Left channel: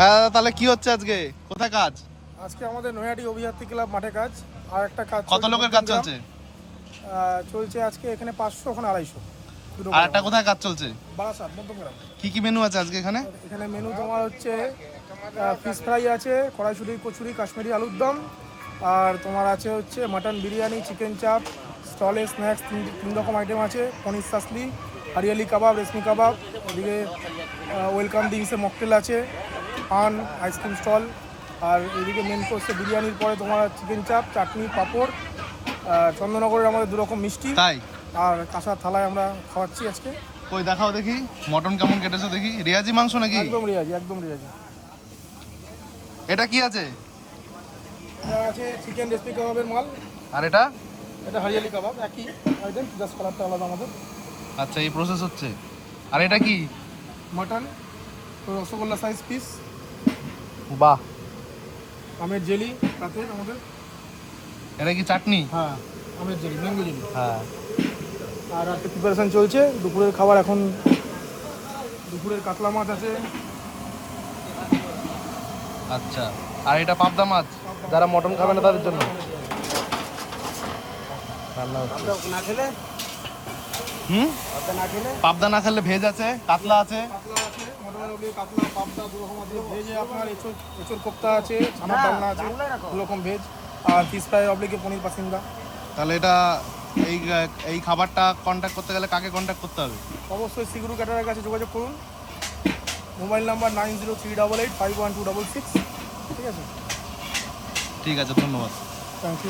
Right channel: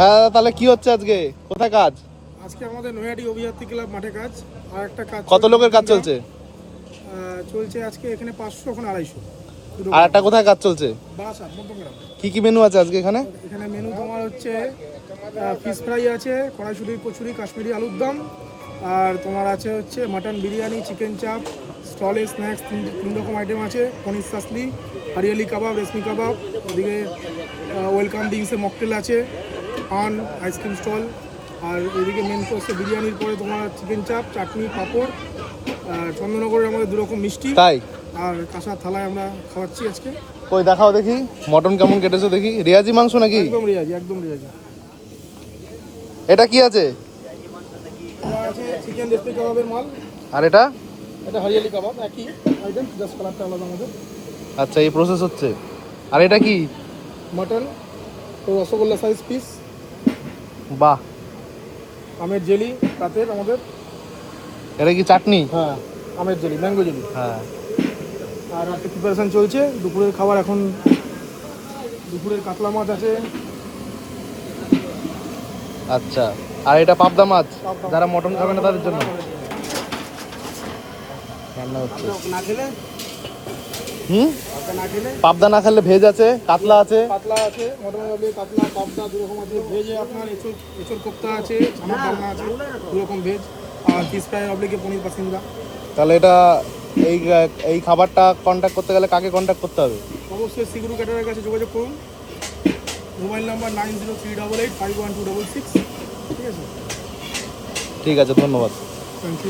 হ্যাঁ, তাহলে কি হচ্ছে আজকে? কোথায় কাজ? আজকে আমাদের নৈহাটি অভিযাত্রী ক্লাব মাঠে কাজ, আর একটা কাজ কত লোকের কাজ চলছে? চলছে আজকে এখানে 500, ওখানে 250। আর একটা কোথায় কাজ চলছে? বারাসাত মধ্যমগ্রাম। কি কি মেনু আছে আজকে এখানে? এখানে মেনু তোমার হচ্ছে ফিশ ফ্রাই আছে, কড়াইশুঁটি, কচুরি, কাশ্মীরি আলুর দম, আর তোমার আছে হচ্ছে মাটন বিরিয়ানি, চিকেন চাপ, স্টলে স্ন্যাক্স 3 রকম আইটেম আছে, পনির সাসলি, হরিয়ালি কাবাব, রেশমি কাবাব, ওদিকে ওয়েলকাম ড্রিঙ্কসের মকটেল আছে, পান, আইসক্রিম স্টল, আর এদিকে মেন কোর্সে বিরিয়ানির পরে তোমার চিকেন চাপ, চাটনি, পাঁপড়, আর চন্দননগরের আমাদের 2 রকম মিষ্টি, তাই? আর কাঁচা থালায় আমরা খাওয়াচ্ছি আজকে। কই দেখাও দেখি, মটন কেমন কেটেছো দেখি। রিয়াজি মাংস নাকি? একদম রিয়াজি, একদম রিয়াজি। এটা কি আছে? এটা আছে চিকেন রেসমি কাবাবের মাল। আর এটা? এটা হরিয়ালি কাবাব, একই আইটেম, জাস্ট কালারটা আলাদা আমাদের। আচ্ছা, এই প্রসেস হচ্ছে। আর এটা কি? মাটন, রসগোল্লা সাইজ পিস, বাহ। আমের জেলি রাতের আমাদের। এটা কি চাটনি? হ্যাঁ, আমের জেলি, ম্যাঙ্গো জেলি। হ্যাঁ। আর একটা প্রিপারেশন চলছে দুপুরের খাবার। এখন দুপুরের কাতলা মাছ আছে। আচ্ছা, আর এটা পাবদা মাছ, যারা মটন খাবে না তাদের জন্য। না খেলে হুম, না খেলে পাবদা না খেলে ভেজ আছে, কাতলা আছে। কাতলা আছে, মোটামুটি কাতলা, পাবদা 2 রকম আছে। ভেজে আপনার এঁচড় কোপ্তা আছে, ছানার ডালনা আছে, 2 রকম ভেজ। আর ফিশ ফ্রাই অবলিকে পনির পাসিন্দা। তাহলে এটা এই এই খাবারটা কন্ট্যাক্ট করতে গেলে কাকে কন্ট্যাক্ট করতে হবে? অবশ্যই সিগুরু ক্যাটারের কাছে যোগাযোগ করুন। Mobile number 9038851266। ঠিক আছে, ঠিক আছে, ধন্যবাদ। Thank you.